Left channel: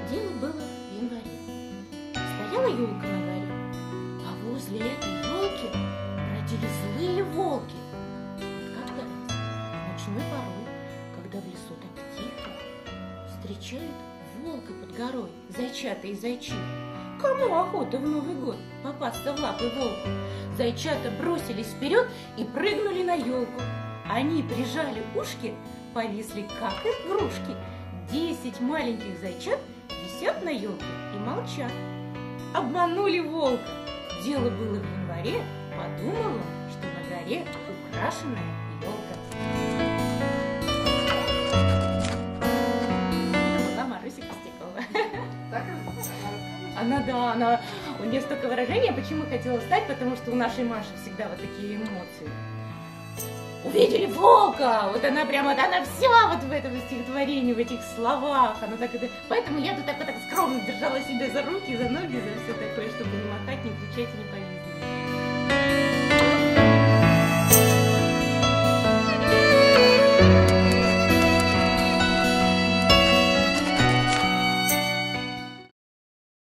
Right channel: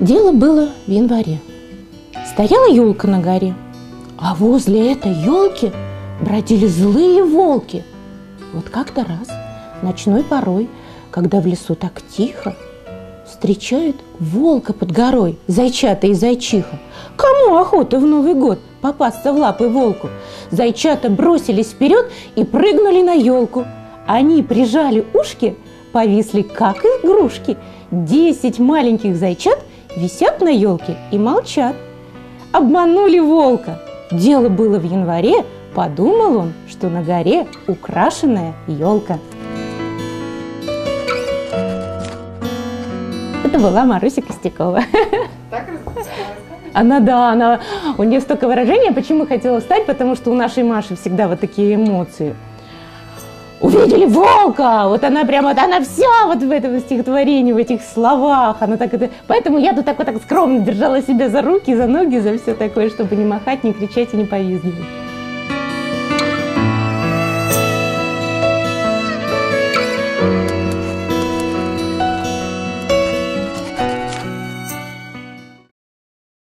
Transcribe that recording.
Дело было в январе. Стояла елка на горе, а возле этой елки бродили злые волки. Вот как-то раз, ночной порой, когда в лесу так тихо, встречают волка под горой, зайчата и зайчиха. Кому охота в Новый год попасться в лапы волку? Зайчата бросились вперед и прыгнули на елку. Они прижали ушки, повисли как игрушки. 10 маленьких зайчат висят на елке и молчат. Обманули волка. Дело было в январе, подумал он, что на горе украшенная елка. Это была Маруся Костякова. У нее столько выражений, почему хотела стать, потому что у нашей Маши всегда вот такие эмоции. Увидели волка, вот она прямо, она вся вот в этом стихотворении, в этих словах, она так это, поэтому я тут так вот так скромно держала себя за руки, за ноги, за все такое, чтобы не махать, не кричать и не повизгивать.